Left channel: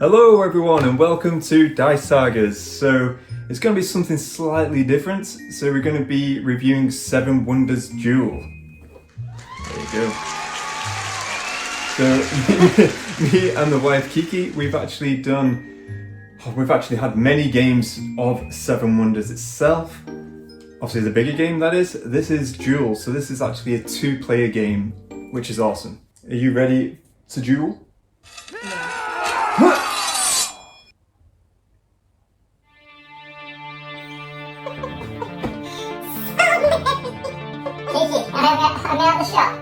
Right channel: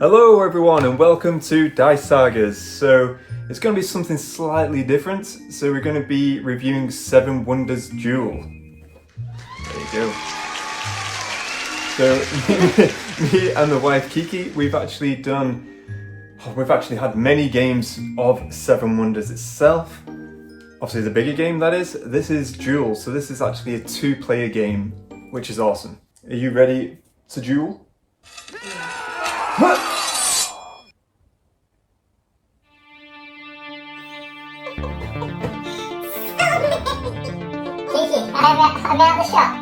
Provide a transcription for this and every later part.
Hello everyone and welcome to Dice Sagas. So it's going to be something slightly different. So we're going to be reviewing 7 Wonders Duel. There we go. So me and the wife Kiki, we've actually had many games of 7 Wonders itself. Obviously the bigger game that is. This is Duel, so this is actually a 2-player game, which is awesome. Are you ready to duel? I'm out the shop.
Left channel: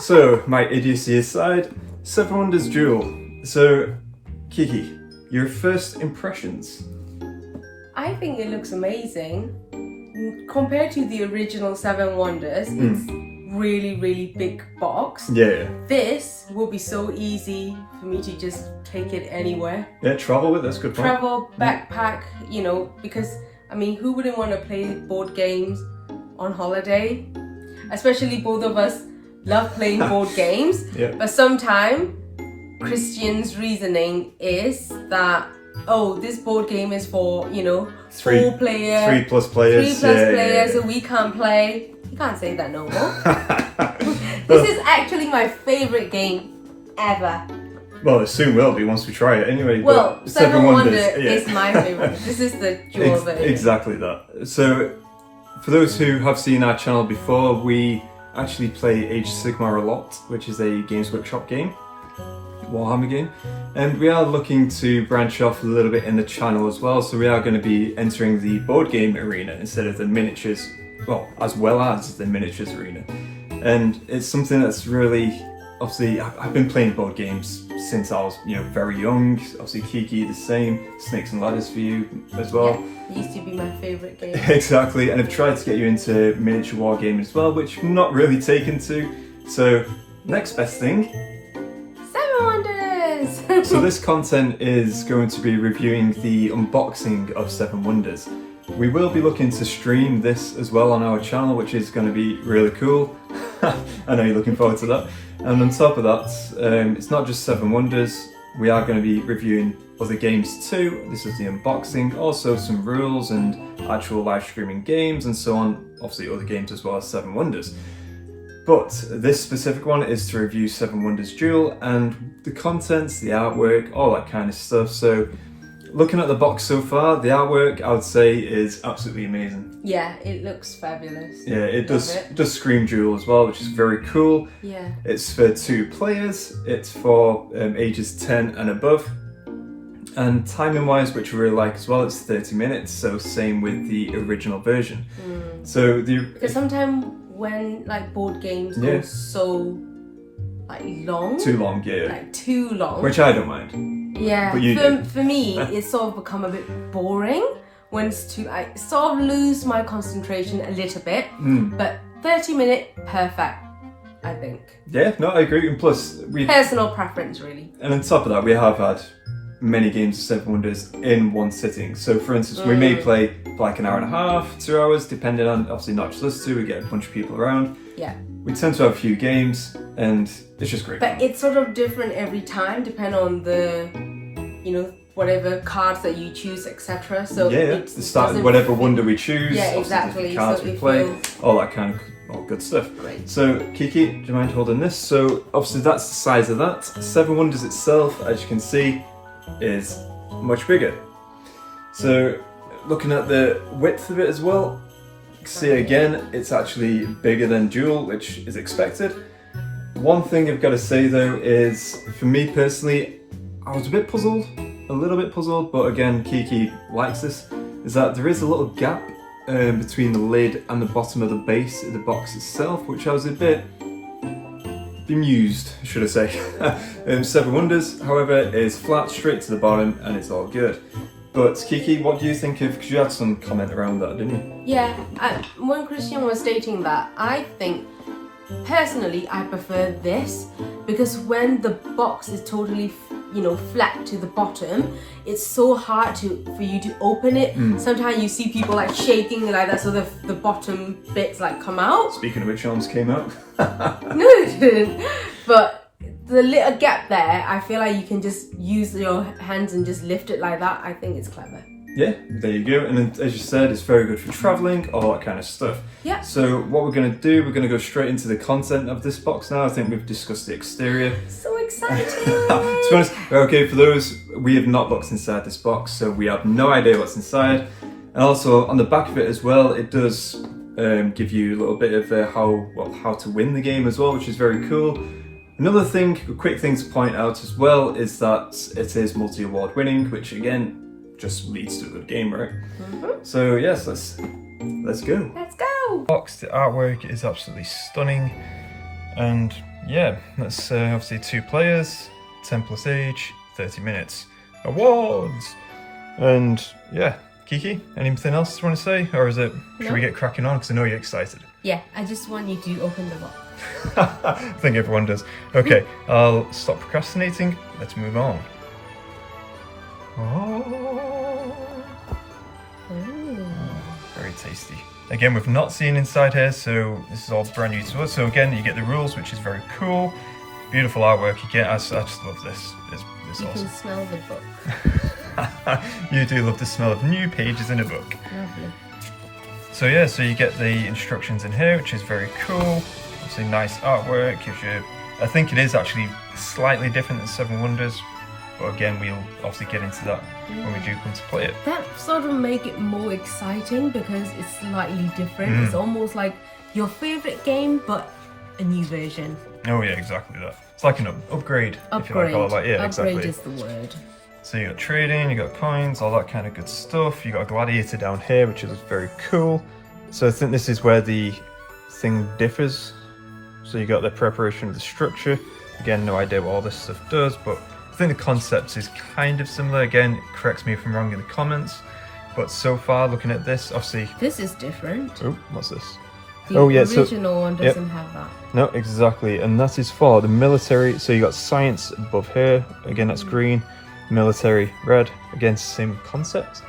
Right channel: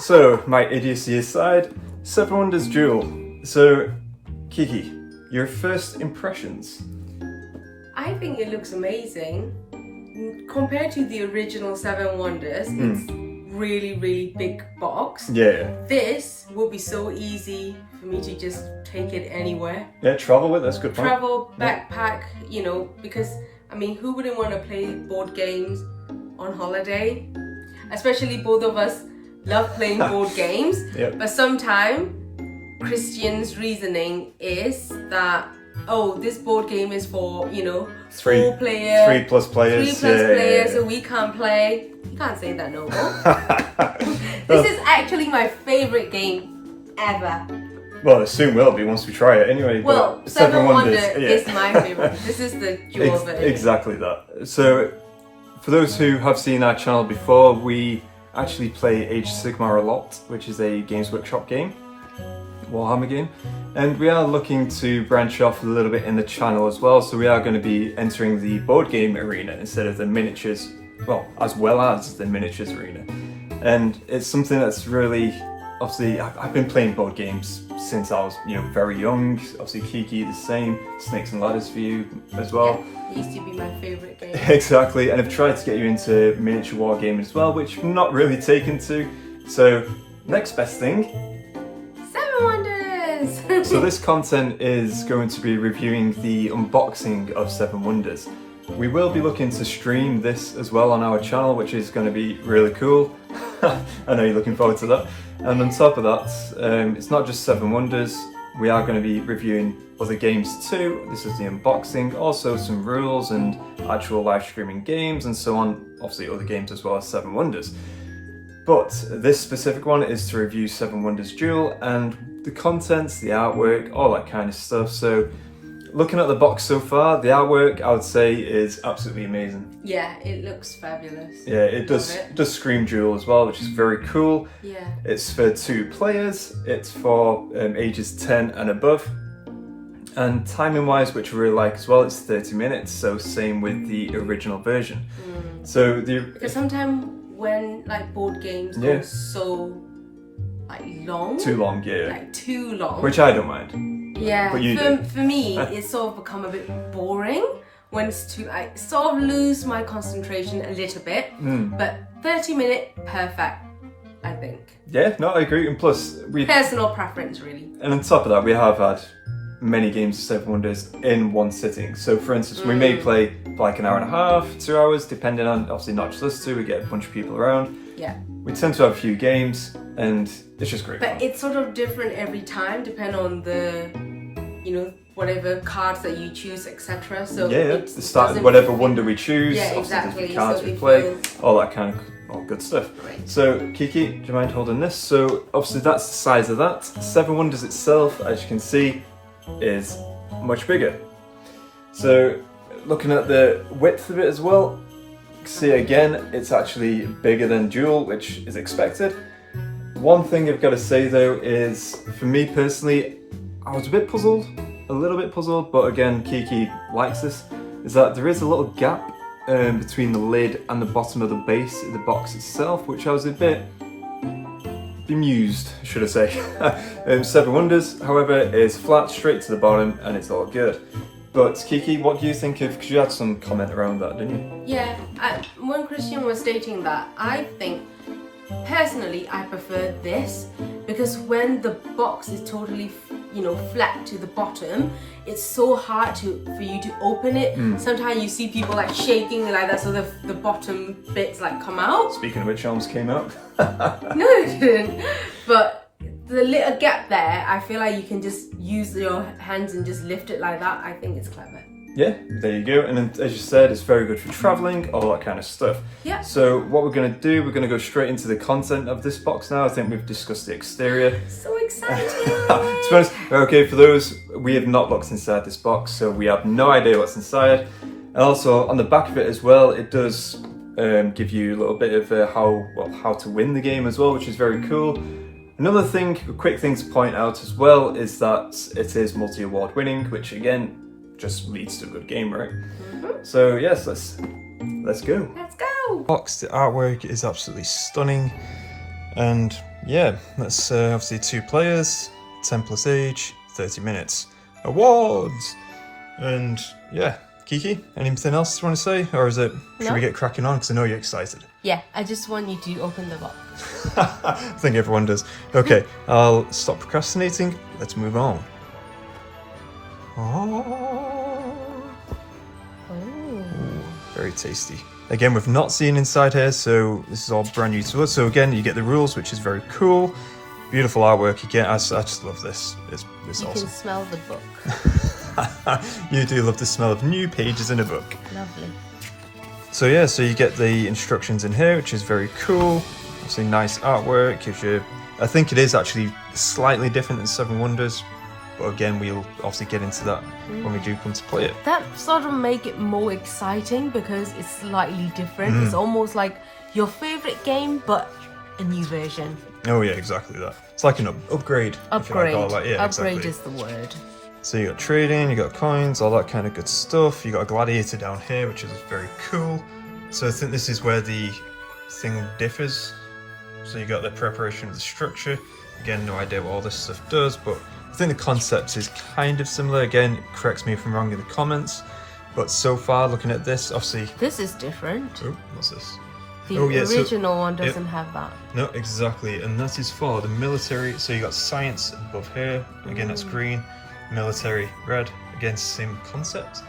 So, my idiocy aside, 7 Wonders Duel. So, Kiki, your first impressions? I think it looks amazing. Compared to the original 7 Wonders, it's really big box. Yeah. This will be so easy for me to just take it anywhere. Yeah, travel with, that's a good point. Travel, backpack, you know, because, I mean, who wouldn't want to play board games on holiday? Especially both of us love playing board games. Yeah. But sometimes Christian's reasoning is that, oh, this board game is for, you know, 4 players. 3 plus players. 3 plus players, so we can't play. You can't say that no more. This is actually my favorite game ever. Well, it soon will be once we try it anyway. Well, but 7 Wonders yeah. is my favorite. This is the Duel version. Exactly that. So, for those who have seen our channel before, we actually play Age of Sigmar a lot, which is a Games Workshop game, Warhammer game, and we are looking to branch off a little bit in the channel as well, so we are going to be entering the board game arena instead of the miniatures, well, as well as the miniatures arena. And it's something that's really, obviously, I've been playing board games since I was, very young. Obviously, Kiki the same, Snakes and Ladders for you as well. Yeah, it used to be my favorite game. Exactly, and I've tried to get you into miniature wargaming as well, which I'm not really taken to. So, next best thing. 7 Wonders! So this content is going to be reviewing the unboxing of 7 Wonders. We will be looking to stream this as well on our channel, which is going to be really cool. I know you're looking forward to that. And on top of that, it's not just 7 Wonders, we are going to be reviewing other games too. This is the unboxing, also some rules and actual live streaming games and so on, obviously other games as well as 7 Wonders. But this specific one is to review 7 Wonders Duel and the contents, the artwork, all that kind of stuff. So looking at the box so far, the artwork I would say is absolutely amazing. Yeah, it looks fabulous. Yeah, it does scream Duel as well, which is very cool. Yeah. It's for 2 players, it's for ages 10 and above. And timing wise, which I really like as well, it's 30 minutes, so same with the original version. So because sometimes when like board games go so like long. Too long, yeah. Like too long. Which I don't mind. Yeah, But you do. for me, it's sort of become a bit boring when it's too, I sort of lose my concentration a little bit, but 30 minutes, perfect, I think. Yeah, no, I agree, and plus Personal preference, really. And on top of that, we have had many games of 7 Wonders in one sitting. So for instance, we may play for like an hour and a half, 2 hours, depending on, obviously not just us two, we get a bunch of people around. Yeah. We tend to have a few games, and it's just great. But it's sort of different every time, depending on the, whatever cards that you choose, etc. So the start, whatever wonder we choose, yeah, exactly. the cards so we play, feels... all that kind of all good stuff. Right. So Kiki, do you mind holding this? So obviously that's the size of that. 7 Wonders itself, as you can see, is much bigger. So looking at the width of it as well, you can see again, it's actually bigger than Duel, which is expected. One thing I've got to say though is, for me personally, I was a little bit puzzled, but again, Kiki likes this, is that there is a little gap between the lid and the bottom of the base of the box itself, which I was a bit bemused, should I say. 7 Wonders, however, is flat, straight to the bottom, and it's all good. But Kiki, what do you think of, because you had some comment around that, didn't you? Yeah, when Christian was stating that, I think, personally, I prefer this, because when the box is totally flat to the bottom, it's so hard for you to open it. Sometimes you see people like shaking like that, so the bottom bits like come out. Speaking of which, arms came out. No, it didn't. But the little gap there, I feel like you can just use your hands and just lift it like that. I think it's clever. Yeah, there you go. And then, as you said, it's very good for traveling, all that kind of stuff. Yeah. So what we're going to do, we're going to go straight into the content of this box now. I think we've discussed the exterior. So excited! To be honest, okay, for those, we have not looked inside this box, so we have no idea what's inside. And also, on the back of it as well, it does give you a little bit of how to win the game as well, which is very cool. Another thing, a quick thing to point out as well, is that it is multi-award winning, which again, just leads to a good game, right? Mm-hmm. So yes, let's go. Let's go! Box, the artwork is absolutely stunning, and yeah, that's obviously 2 players, 10 plus age, 30 minutes. Awards! And yeah, Kiki, anything else you want to say, or is it? Should we get cracking on? Because I know you're excited. Yeah, I just want you to open the box. I think everyone does. Okay, I'll stop procrastinating. Let's move on. Oh. Very tasty. Again, we've not seen inside here, so this is all brand new to us. So again, you get the rules, which is very cool. Beautiful artwork again. I just love this. It's You awesome. can smell the book. You do love the smell of new pages in a book. Lovely. So yeah, so you get the instructions in here, which is very cool. Obviously nice artwork. Gives you, I think it is actually slightly different than Seven Wonders. But again, we'll obviously get into that when we do come to play it. That sort of make it more exciting because it's slightly different. It's almost like your favorite game, but a new version. Oh yeah, exactly that. It's like an upgrade. If you like all that. Yeah, Upgrade exactly. is the word. So you got trading, you got coins, all that kind of good stuff. You got a gladiator down here, which is very cool. So I think this is where the thing differs. So you got the preparation of the structure. Again, no idea what all this stuff does, but I think the concept is kind of similar. Again, correct me if I'm wrong in the comments. But so far, looking at this, obviously... This is different. Oh, what's this? The original one doesn't have that. No, exactly. And that is for the military. So you got science above here. Again, that's green. Military, red. Again, same concept.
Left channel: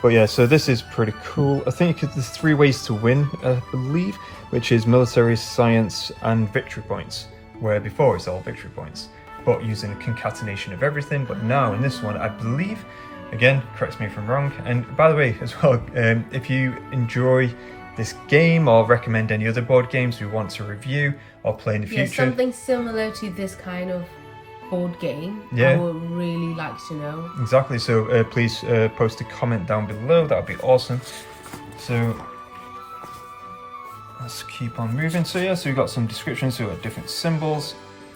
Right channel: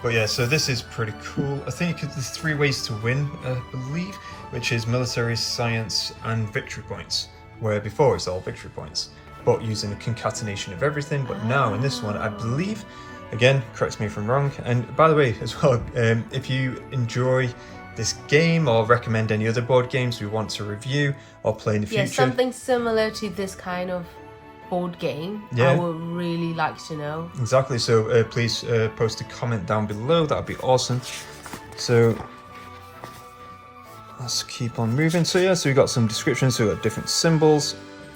But yeah, so this is pretty cool. I think there's 3 ways to win, I believe, which is military, science, and victory points. Where before it's all victory points, but using a concatenation of everything. But now in this one, I believe, again, correct me if I'm wrong. And by the way, as well, if you enjoy this game or recommend any other board games we want to review or play in the future. Yeah, something similar to this kind of board game. I would really like to know. Exactly. So please post a comment down below. That would be awesome. So let's keep on moving. So yeah, so we've got some descriptions. So we've got different symbols.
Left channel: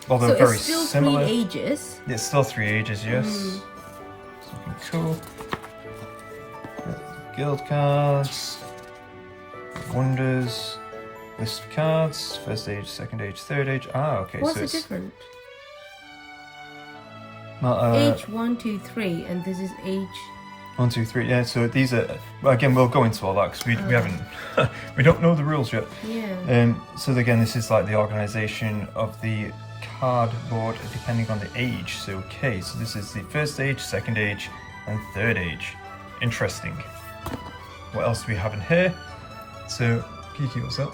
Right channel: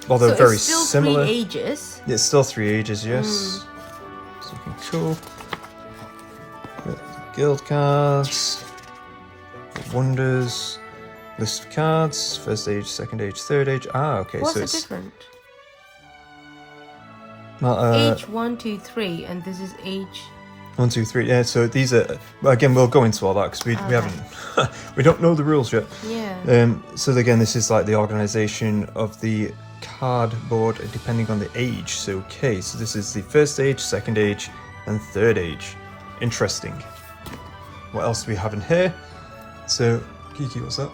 Although so very it's still similar. 3 ages. Yeah, it's still 3 ages, yes. Something cool. Guild cards. Wonders. List of cards. First age, second age, third age. Ah, okay. What's so the it's difference? Age 1, 2, 3, and this is age 1, 2, 3. Yeah, so these are, well, again, we'll go into all that because we haven't, we don't know the rules yet. Yeah. So again, this is like the organization of the cardboard depending on the age. So okay, so this is the first age, second age, and third age. Interesting. What else do we have in here? So, Kiki, what's that?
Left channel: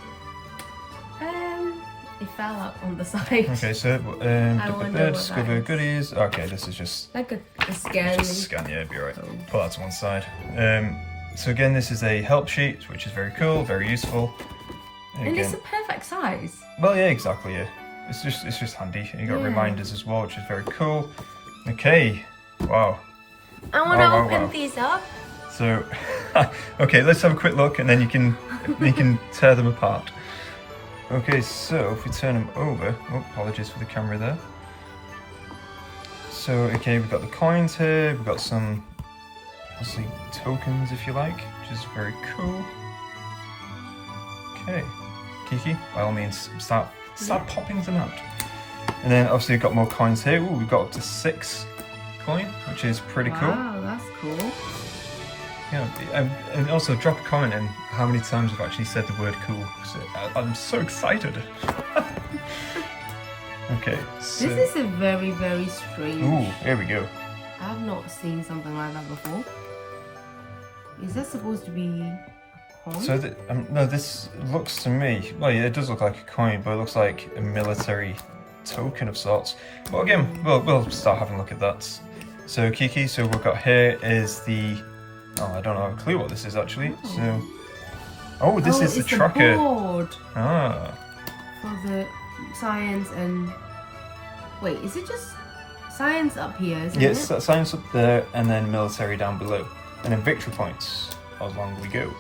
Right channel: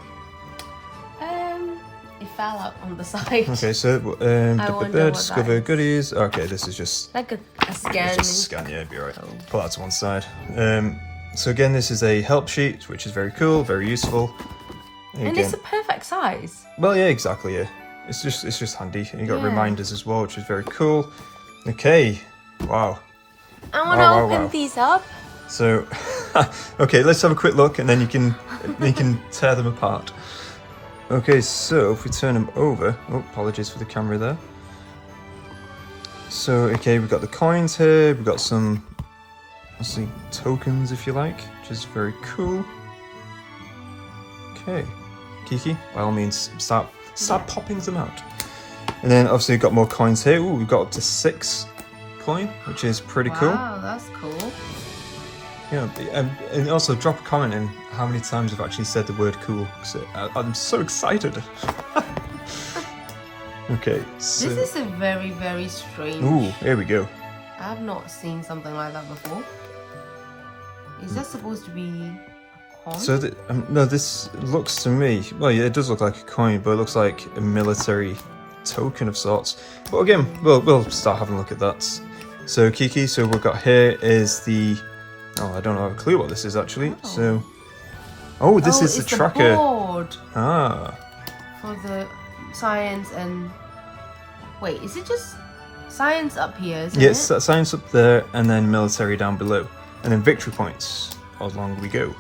It fell out on the side. Okay, so discover goodies. Okay, this is just like a scan. just a scan. Yeah, it'd be alright. Put that to one side. So again, this is a help sheet, which is very cool, very useful. Again, And it's a perfect size. well, yeah, exactly. Yeah, it's just handy. And you got reminders as well, which is very cool. Okay, wow. I want to open these up. So, okay, let's have a quick look, and then you can tear them apart. Okay, so if we turn them over, oh, apologies for the camera there. So, okay, we've got the coins here, we've got some, let's see, tokens if you like, which is very cool. Okay, Kiki, by all means, start popping them out. And then obviously we've got more coins here. Ooh, we've got up to 6 coin, which is pretty cool. Wow, that's cool. Yeah, and also drop a comment in how many times I've actually said the word cool, because I'm so excited. Okay, so... This is a very, very strange... Ooh, here we go. I've not seen something like that before. Is that supposed to be a coin? So, no, this looks to me... Well, yeah, it does look like a coin, but it looks like a military token of sorts. But again, we'll start having a look at that. So Kiki, so we've got here is the, I don't have a clue what this is actually. So, this is the tracker. The board Ah. for the science and, wait, is it just science up here, isn't it? Yes, that science up there, and then military down below. And then victory points along we go.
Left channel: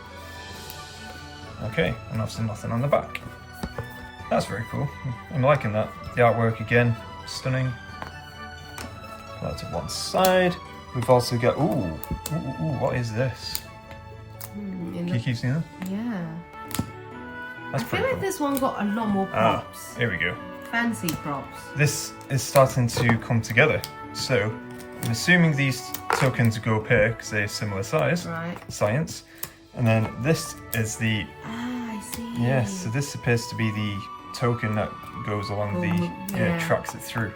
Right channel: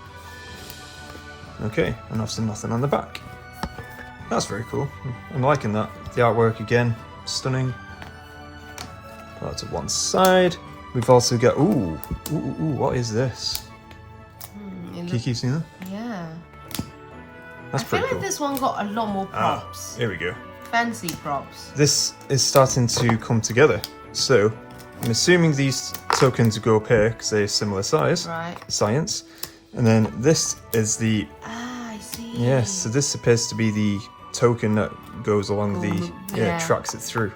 Okay, and obviously nothing on the back. That's very cool. I'm liking that. The artwork again, stunning. Put that to one side. We've also got, what is this? Kiki, seen that? Yeah. That's I feel like this one got a lot more props. Here we go. Fancy props. This is starting to come together. So, I'm assuming these tokens go up here because they're similar size. Right. Science. And then this is the... I see. Yes, so this appears to be the token that goes along tracks it through.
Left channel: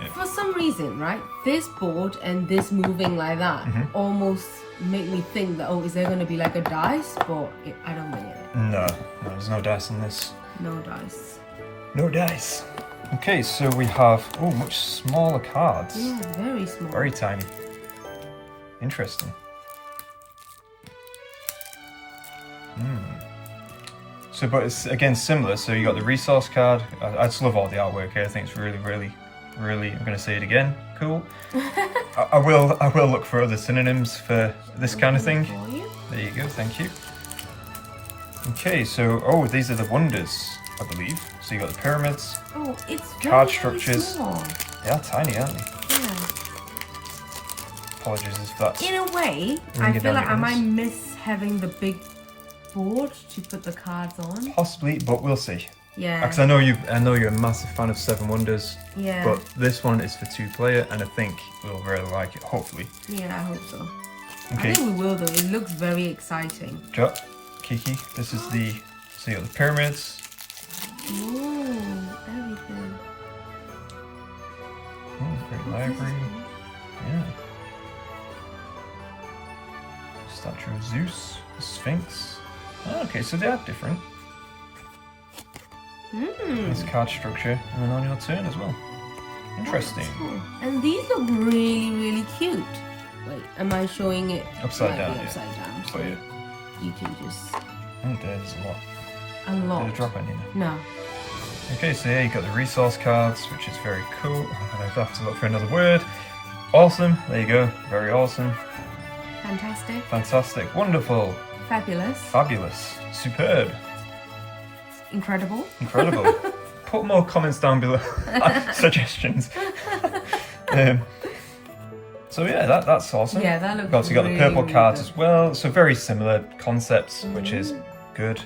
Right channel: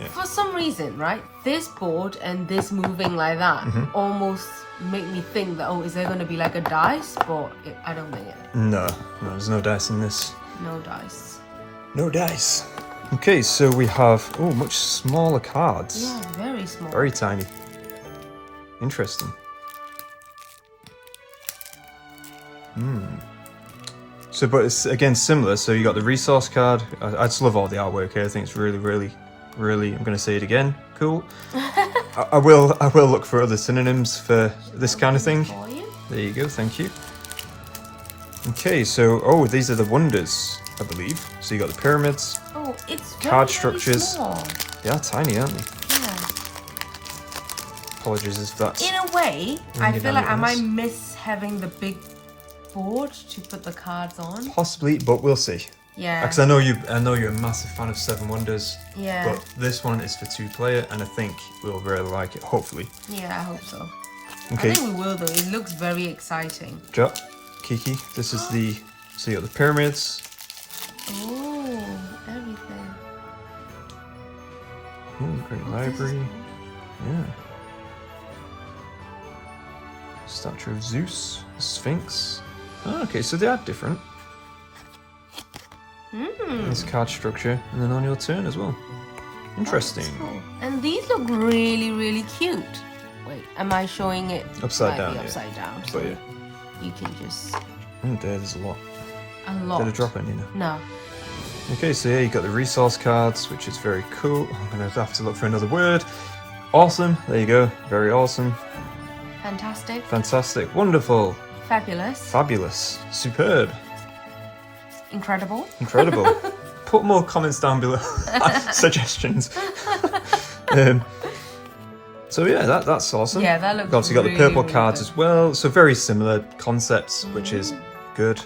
Yeah. For some reason, right, this board and this moving like that almost make me think that, is there going to be like a dice? But I don't think it. No, there's no dice in this. No dice. No dice. Okay, so we have, much smaller cards. Yeah, very small. Very tiny. Interesting. So, but it's again similar. So you got the resource card. I just love all the artwork here. I think it's really, really, really. I'm going to say it again. Cool. I will look for other synonyms for this kind of thing. For you. There you go. Thank you. Okay, so these are the wonders, I believe. So you got the pyramids. Oh, it's card very structures. Small. They are tiny, aren't they? Yeah. Apologies if that's. In a way, I feel like I might miss having the big board to put the cards on. Possibly, but we'll see. Yeah. Because I know you're a massive fan of Seven Wonders. Yeah. But this one is for 2-player, and I think we'll really like it. Hopefully. Yeah, I hope so. Okay. I think we will though. It looks very exciting. Kiki, this is the. So you got the pyramids. Oh, everything. Oh, great library. Yeah. Statue of Zeus, the Sphinx. Oh, okay, so they are different. This card structure, and then on your turn as well. Interesting. Cool. And these look really, really cute. Wait, am I showing it Upside down? Upside down. So yeah. you can just. Oh, there's a lot. A lot. Did I drop any? No. Okay, so yeah, you got the resource cards, which is very cool. I'm gonna have to look for another word. Awesome. There you go. Very awesome. Fantastic. Fantastic. Wonderful. Fabulous. Fabulous. Superb. Incredible. Incredible. Put more comments down below. Suggestions. So yeah, that's awesome. Yeah, that looks Obviously got the purple really cards good. as well. So very similar concepts, which is good.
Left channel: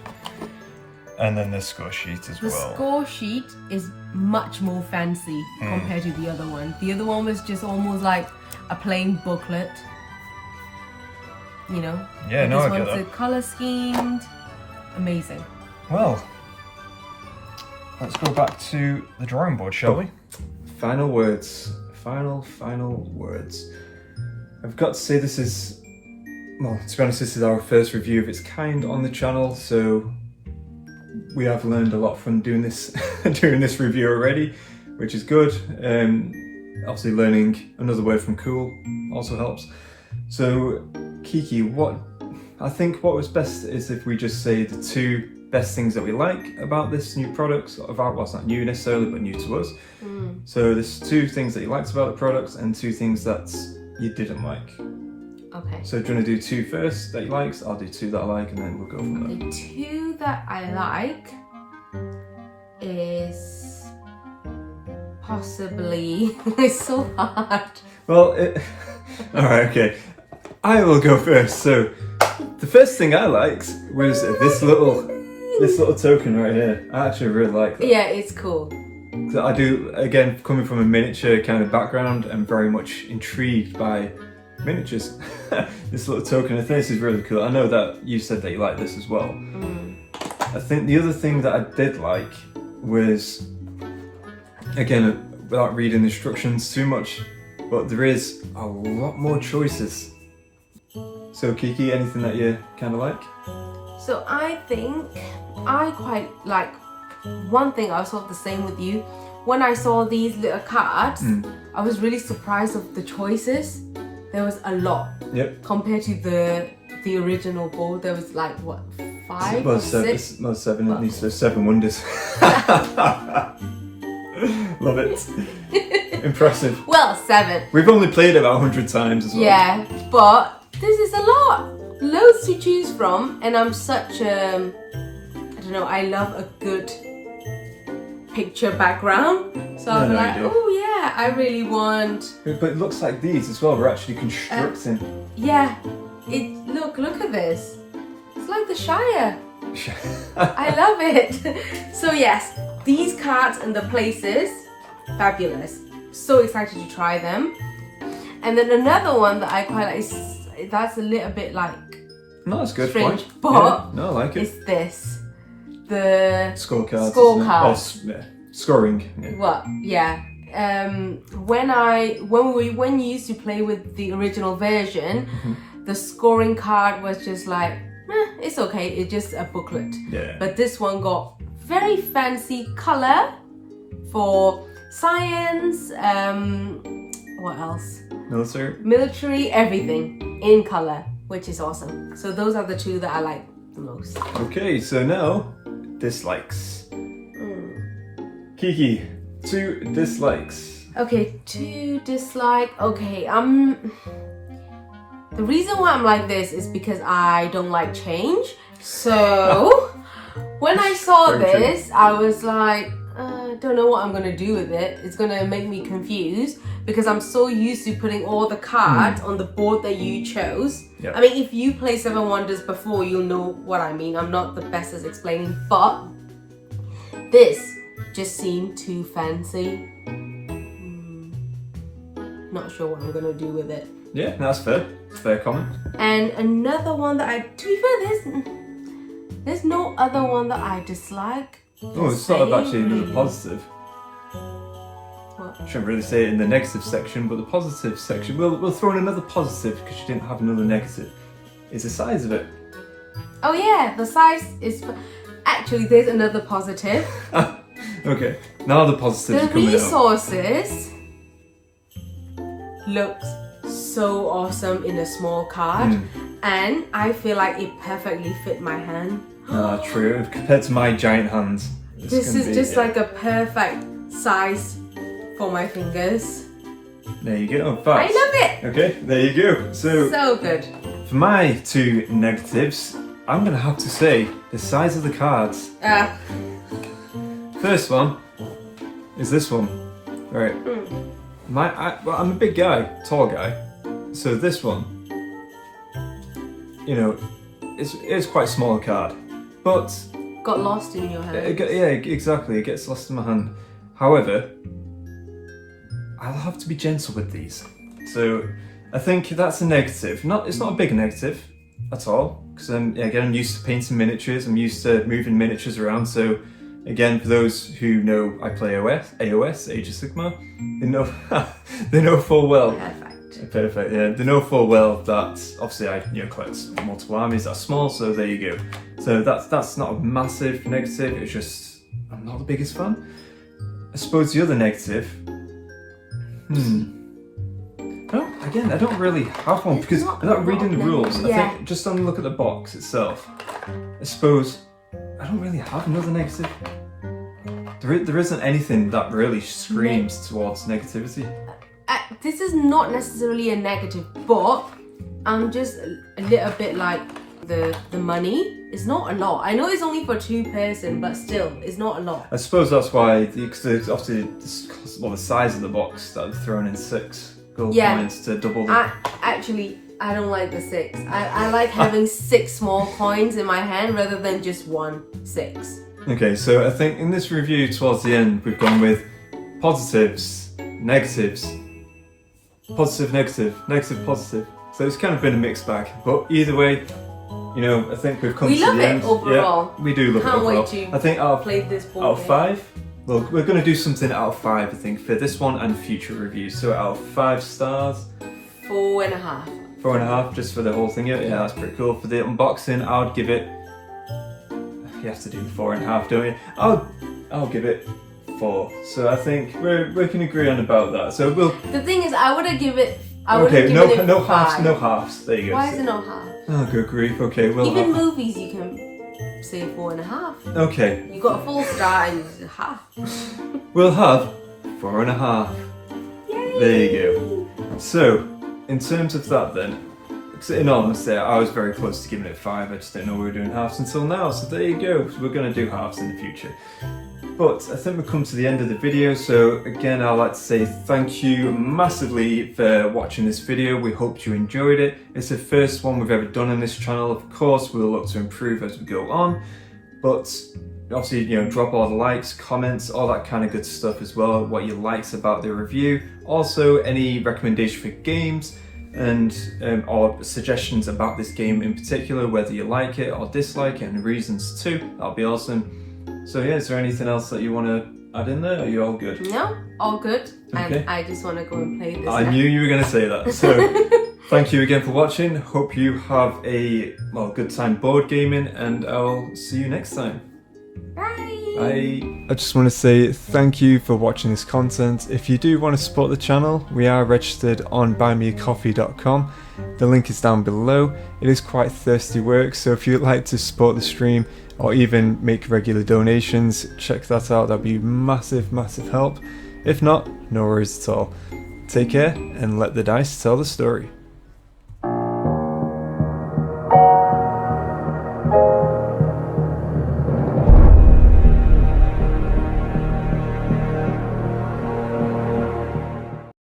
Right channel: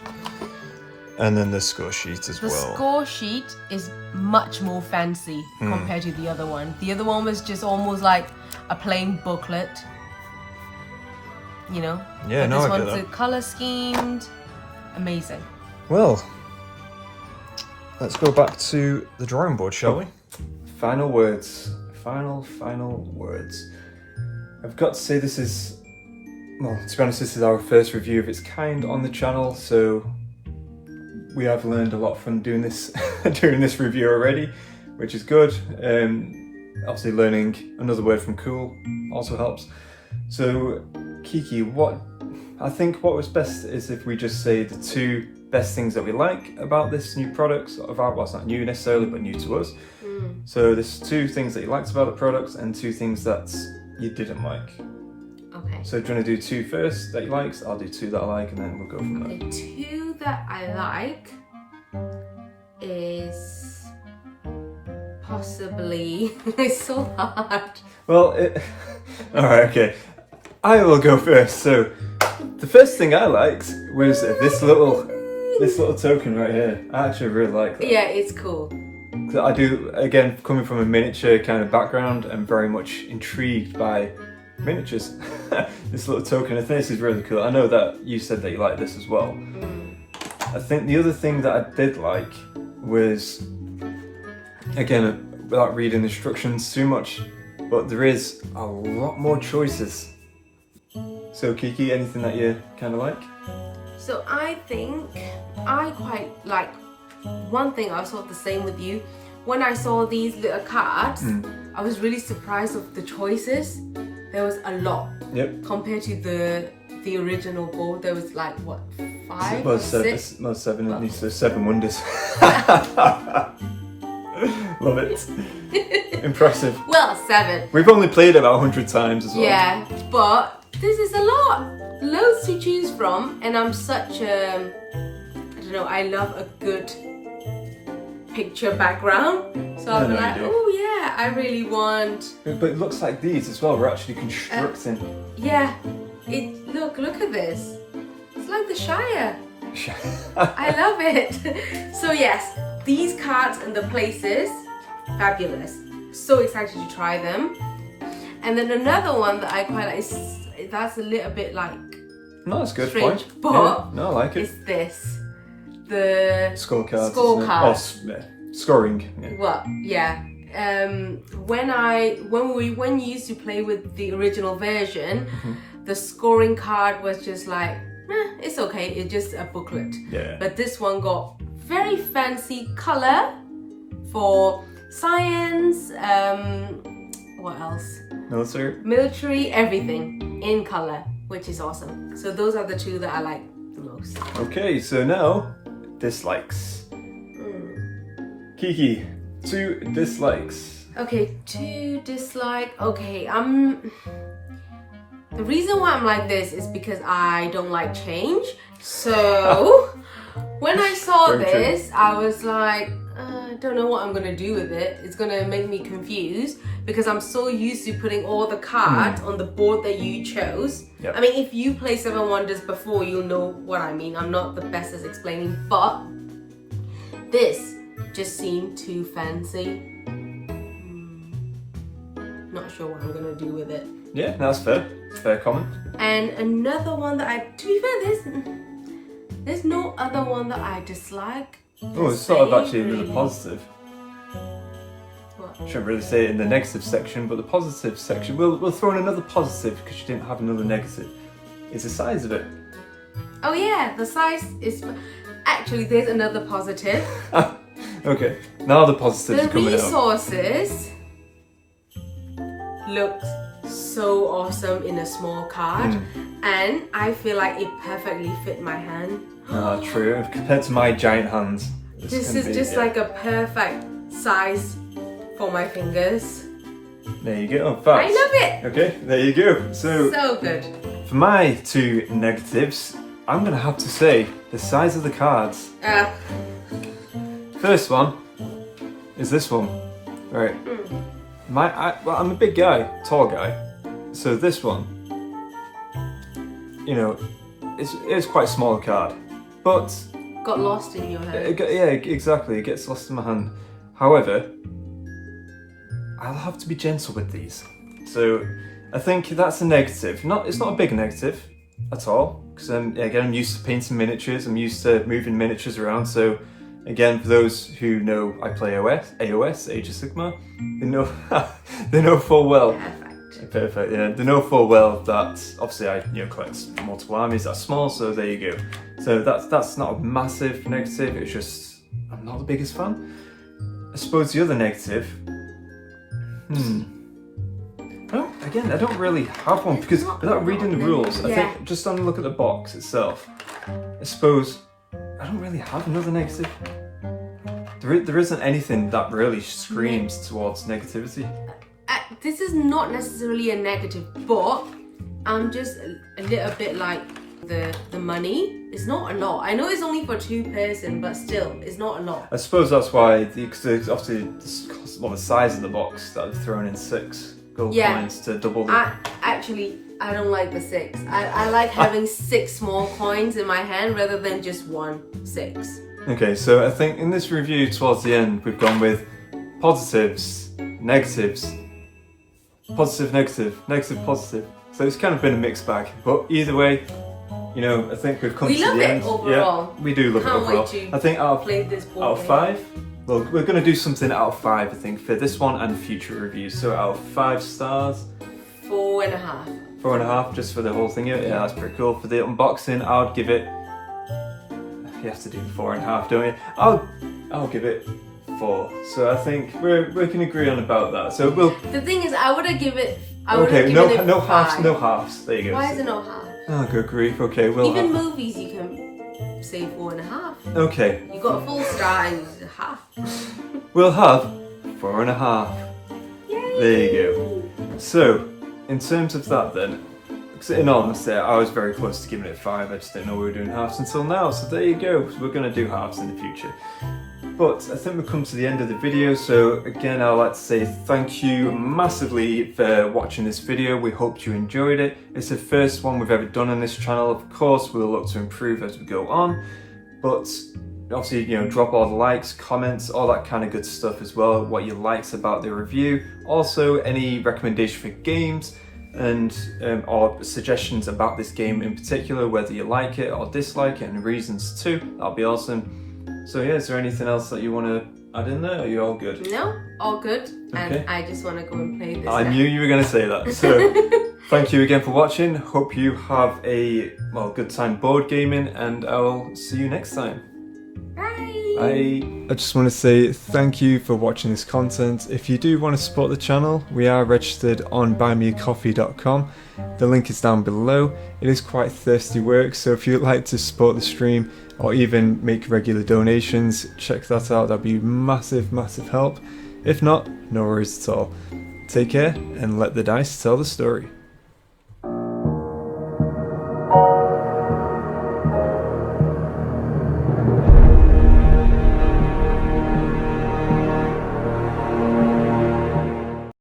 And then the score sheet as The well. score sheet is much more fancy compared to the other one. The other one was just almost like a plain booklet. You know? Yeah, But no, I this get one's that. colour schemed. Amazing. Well, let's go back to the drawing board, shall we? Final words. Final words. I've got to say this is, well, to be honest, this is our first review of its kind on the channel, so we have learned a lot from doing this review already, which is good. Obviously learning another word from cool also helps. So Kiki, what was best is if we just say the two best things that we like about this new product, well, it's not new necessarily, but new to us. So there's two things that you liked about the products and two things that you didn't like. Okay. So do you want to do two first that you liked? I'll do two that I like, and then we'll go from there. The two that I like is possibly it's so hard. Well, all right, okay. I will go first. So the first thing I liked was this little token right here. I actually really like that. Yeah, it's cool. So I do, again, coming from a miniature kind of background, I'm very much intrigued by miniatures. This little token, I think this is really cool. I know that you said that you like this as well. I think the other thing that I did like was, again, without reading the instructions too much, but there is a lot more choices. So Kiki, anything that you kind of like? So I think I quite like one thing I thought the same with you. When I saw these little cards, I was really surprised of the choices. There was a lot. Yep. Compared to the original board, there was like what, 5 or 6? Well, 7. At least there's 7 Wonders. Love it. Impressive. Well, 7. We've only played it about 100 times as well. Yeah, but this is a lot. Loads to choose from, and I'm such a, I don't know, I love a good picture background. So I'm like, oh yeah, I really want. But it looks like these as well. We're actually constructing. Yeah, look at this. It's like the Shire. I love it. So yes, these cards and the places, fabulous. So excited to try them. And then another one that I quite like is, that's a little bit like, no, that's good strange, point. but yeah, no, I like it. It's this, the scorecards. Scorecards. Oh, scoring. Yeah. What? Yeah. When you used to play with the original version, the scoring card was just like, it's okay. It's just a booklet. Yeah. But this one got very fancy color for science. What else? Military, everything in color, which is awesome. So those are the 2 that I like the most. Okay, so now dislikes. Kiki, 2 dislikes. Okay, 2 dislike. Okay, the reason why I'm like this is because I don't like change. So when I saw this, I was like, I don't know what I'm gonna do with it. It's gonna make me confused because I'm so used to putting all the cards on the board that you chose. Yep. I mean, if you play 7 Wonders before, you'll know what I mean. I'm not the best at explaining, but this just seemed too fancy. Not sure what I'm gonna do with it. Yeah, that's fair. Fair comment. And another one that to be fair, there's no other one that I dislike. Oh, it's sort of actually another positive. What? Shouldn't really say it in the negative section, but the positive section, we'll throw in another positive because you didn't have another negative. Is the size of it. Oh yeah, the size is. Actually, there's another positive. Okay, now the positives are coming out. The resources looks so awesome in a small card, and I feel like it perfectly fit my hand. True. Compared to my giant hands. This is just like a perfect size for my fingers. There you go. Fast. I love it. Okay, there you go. So good. For my 2 negatives, I'm gonna have to say the size of the cards. First one is this one. Right. I'm a big guy, tall guy. So this one, you know, it's quite a small card, but got lost in your hand. Yeah, exactly. It gets lost in my hand. However, I'll have to be gentle with these. So I think that's a negative. It's not a big negative at all, because again, I'm used to painting miniatures. I'm used to moving miniatures around. So again, for those who know, I play AOS, Age of Sigmar. They know full well. Perfect. Yeah, they know full well that obviously I collect multiple armies that are small. So there you go. So that's not a massive negative. It's just I'm not the biggest fan. I suppose the other negative. I don't really have one because without reading the rules, I think just on a look at the box itself, I suppose I don't really have another negative. There isn't anything that really screams towards negativity. This is not necessarily a negative, but I'm just a little bit like the money. It's not a lot. I know it's only for 2 person, but still, it's not a lot. I suppose that's why obviously the size of the box that I've thrown in 6 gold coins to double the... I don't like the 6. I like having 6 small coins in my hand rather than just 1 6. Okay, so I think in this review towards the end, we've gone with positives, negatives, positive, negative, negative, positive. So it's kind of been a mixed bag, but either way, I think we've come to the end. We love it overall. Yeah, we do love it overall. Can't wait to I think play this board out of 5, well, we're going to do something out of 5, I think, for this one and future reviews. So out of 5 stars, 4.5. 4.5 just for the whole thing. Yeah, that's pretty cool. For the unboxing, I would give it. You have to do the 4.5, don't you? I'll give it 4. So I think we can agree on about that. So we'll. The thing is, I would have given it. Okay, no halves, no halves. There you go. Why is it no half? Oh, good grief. Okay, we'll. Even movies, you can say 4.5. Okay. You got a full star and it's a half. We'll have 4.5. Yay! There you go. So, in terms of that then, in all honesty, I was very close to giving it 5. I just didn't know we were doing halves until now. So there you go. We're going to do halves in the future. But I think we've come to the end of the video, so again I'd like to say thank you massively for watching this video. We hope you enjoyed it. It's the first one we've ever done on this channel. Of course we'll look to improve as we go on, but obviously, you know, drop all the likes, comments, all that kind of good stuff as well, what you liked about the review. Also any recommendation for games and or suggestions about this game in particular, whether you like it or dislike it, and reasons too. That'll be awesome. So yeah, is there anything else that you want to add in there? Or are you all good? No, all good. Okay. And I just want to go and play this. I knew you were going to say that. So thank you again for watching. Hope you have a good time board gaming, and I'll see you next time. Bye. I just want to say thank you for watching this content. If you do want to support the channel, we are registered on buymeacoffee.com. The link is down below. It is quite thirsty work, so if you'd like to support the stream or even make regular donations, check that out. That'd be massive help. If not, no worries at all. Take care and let the dice tell the story.